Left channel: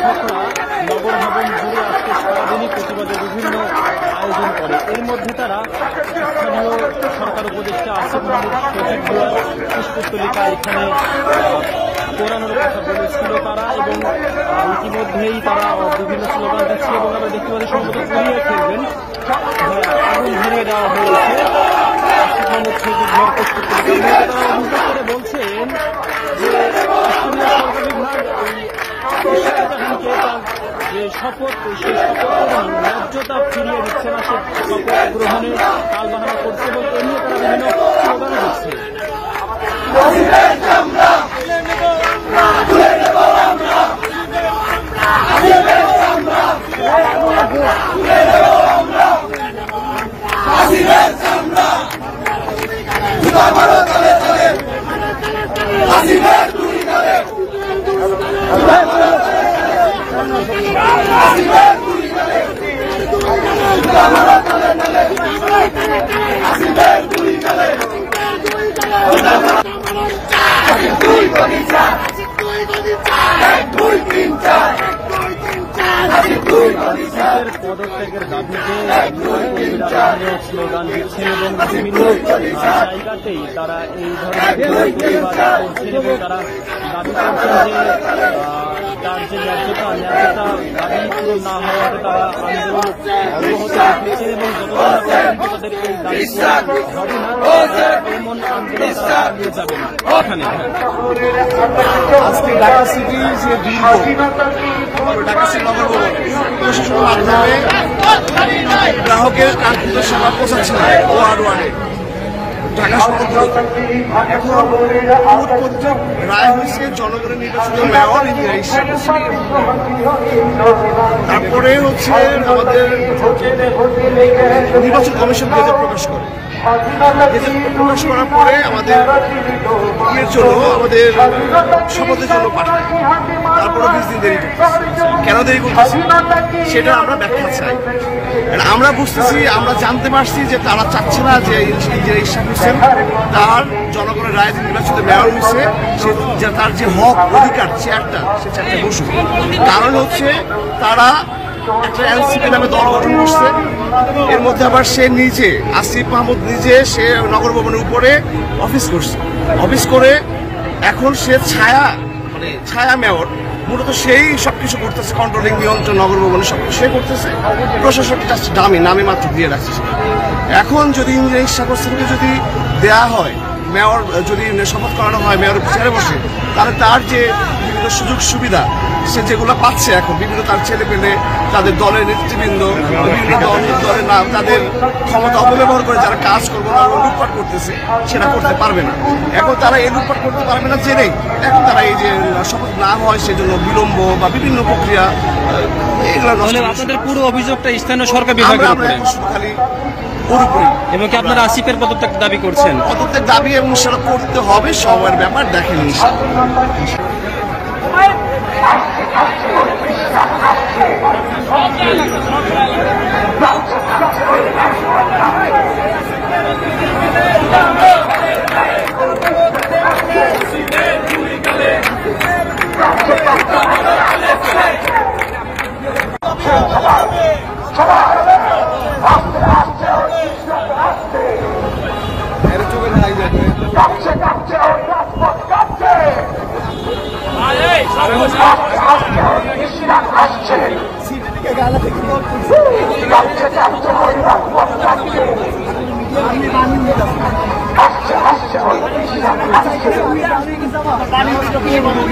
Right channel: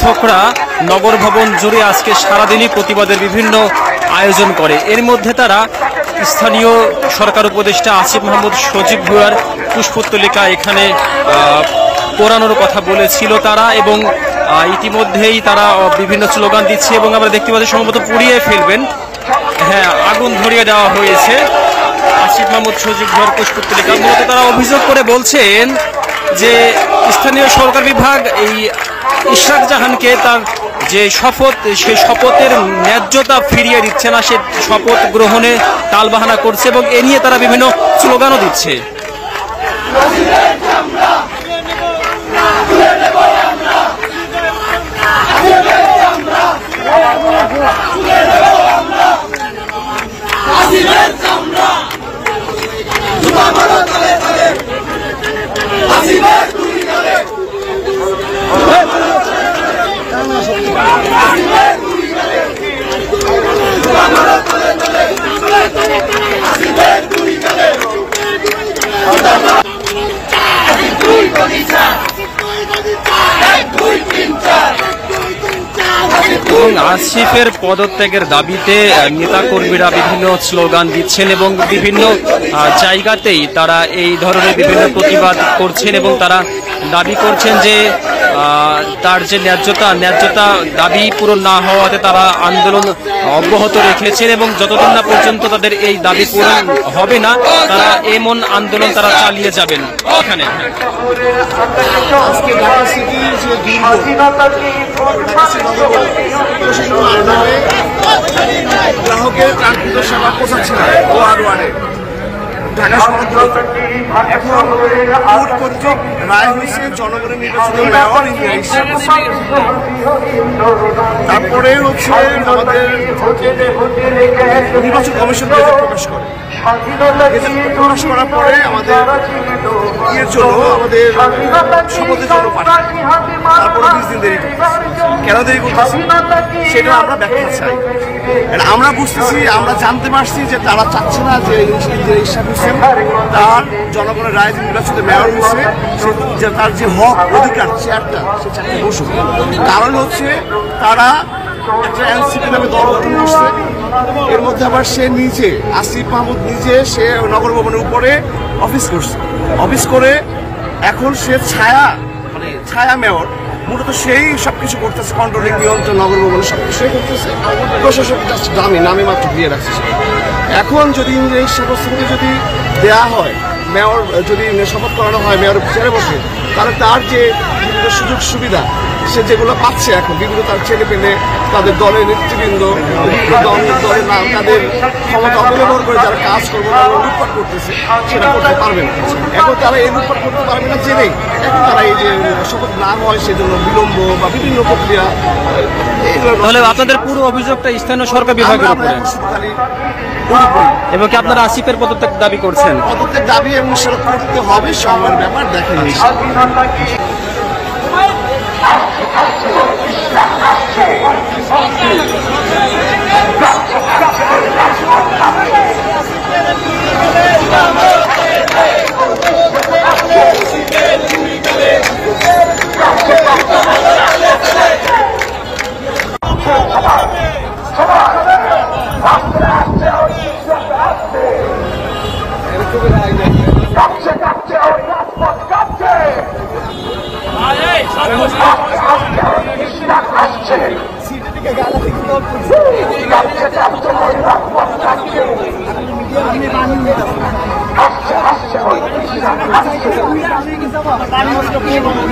সমর্থকরা নগর ভবন জুড়ে আজকে সারাদিনই প্রতিবাদের বিভিন্ন আয়োজন করে। এর মধ্যে তারা স্থানীয় সরকার উপদেষ্টা আসিফ মাহমুদ সজীব ভুঁইয়ার পুষ্পোত্তলিকা এখানে পোড়ানোর কথা বলেছিল তারা, এবং ইতিমধ্যেই তারা বিভিন্ন স্লোগান দিচ্ছে এবং আমরা দেখতে পাচ্ছি সম্ভবত পুড়িয়ে ফেলবেন। হ্যাঁ, আগুন ধরিয়ে দেওয়া হয়েছে আসিফ মাহমুদ সজীব ভুঁইয়ার পুষ্পোত্তলিকা। মূলত তারা অভিযোগ করে বলছেন যে স্থানীয় সরকার বিভাগ এই ইশরাক জাহানকে তার যে শপথ, সে শপথের ন্যায্যতা ফিরিয়ে দিচ্ছে না, সে শপথ গ্রহণে টালবাহানা করছে এবং এ নিয়ে তারা বিভিন্ন স্লোগানও দিচ্ছে। আসিফের পদত্যাগের দাবিতে নেতাকর্মীরা বিভিন্ন স্লোগান দিচ্ছেন এবং বিভিন্ন জায়গাতেই তারা এই ধরনের বিভিন্ন প্রতিবাদ করছেন এবং তারা দাবি করছেন যে তার যে ন্যায্যতা দাবি পূরণ না হওয়াতে তারা আন্দোলন অব্যাহত রেখেছেন এবং যতদিন না পর্যন্ত তাদের এই দাবি পূরণ হবে না তারা এমন আন্দোলন তারা চালিয়ে যাবেন। এখানে আজকে ঢাকা সিটির যে গ্রাহকের কাঙ্ক্ষিত সেবা পৌঁছাচ্ছে না ওয়ার্ডে ঢাকা শহর। এখন কোর্ট কর্তৃক রায় হয়েছে জনগণের নির্বাচিত মেয়র তারপরে হচ্ছে আমাদের নির্বাচন কমিশন গেজেট প্রকাশ করে। গেজেট প্রকাশ করার পরে আমাদের ইয়ের জন্য আমাদের শপথের জন্য পাঠায়, তারপরে 20 দিন দেরি করতেছি। কেন দেরি করতেছি সেটা আমরা ব্যাখ্যা চাই। আমরা বুঝতেছি, আমরা জানতে পারছি যে তারা চাচ্ছে না যে ইশরাক হোসেন তার জনগণের রায় নির্বাচিত মেয়র হয়েছে, সে তার যে হক অধিকার চেয়ারটা সে চেয়ারটা বসুক। কারণ হচ্ছে তারা একটা এনসিপি নামে দল গঠন করছে, এর মধ্যে আবার সে নিজে আসিফ মাহমুদ নিজে সে নগর ভবনের উপরে অফিস করছে। অফিস করে এখন সে ছায়া মেয়র, মূলত সেই সবকিছু করতেছে, কন্ট্রোলিং নিয়ন্ত্রণ নগর ভবনে সবকিছু সে করতেছে। প্রশাসক নামে মাত্র দিয়ে রাখছে। এখন যদি শপথ যদি দেওয়া হয়, মেয়র যদি শপথ করানো হয় মেয়রের পিছনে বসে, তাহলে তার যে বিভিন্ন সুযোগ সুবিধা সে যেগুলো পাচ্ছে এখন বিভিন্ন তার ছেলে পেলে তাদের দলের নেতৃবৃন্দ দলের নাম তাদের ক্ষমতা অপব্যবহার করে যারা কাজ করবো লুটপাট করতেছে সেটা করতে পারবে না। এখন তারা এই লুটপাট করতে পারবে না জেনেই এখন তারা এই যে শপথ না হয় সেজন্য বিলম্ব বা বিভিন্ন প্রক্রিয়া। তাহলে আপনাদের পুরো অভিযোগটা স্থানীয় সরকার বিভাগের উপরে এবং কি আপনারা আসিফের পদত্যাগ দাবি করছেন? পদত্যাগ দাবি এবং সেটা করতে হবে, সময়ের ব্যাপার দেখেন।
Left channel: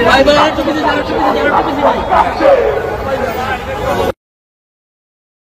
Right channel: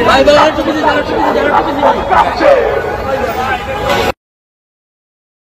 Bye bye.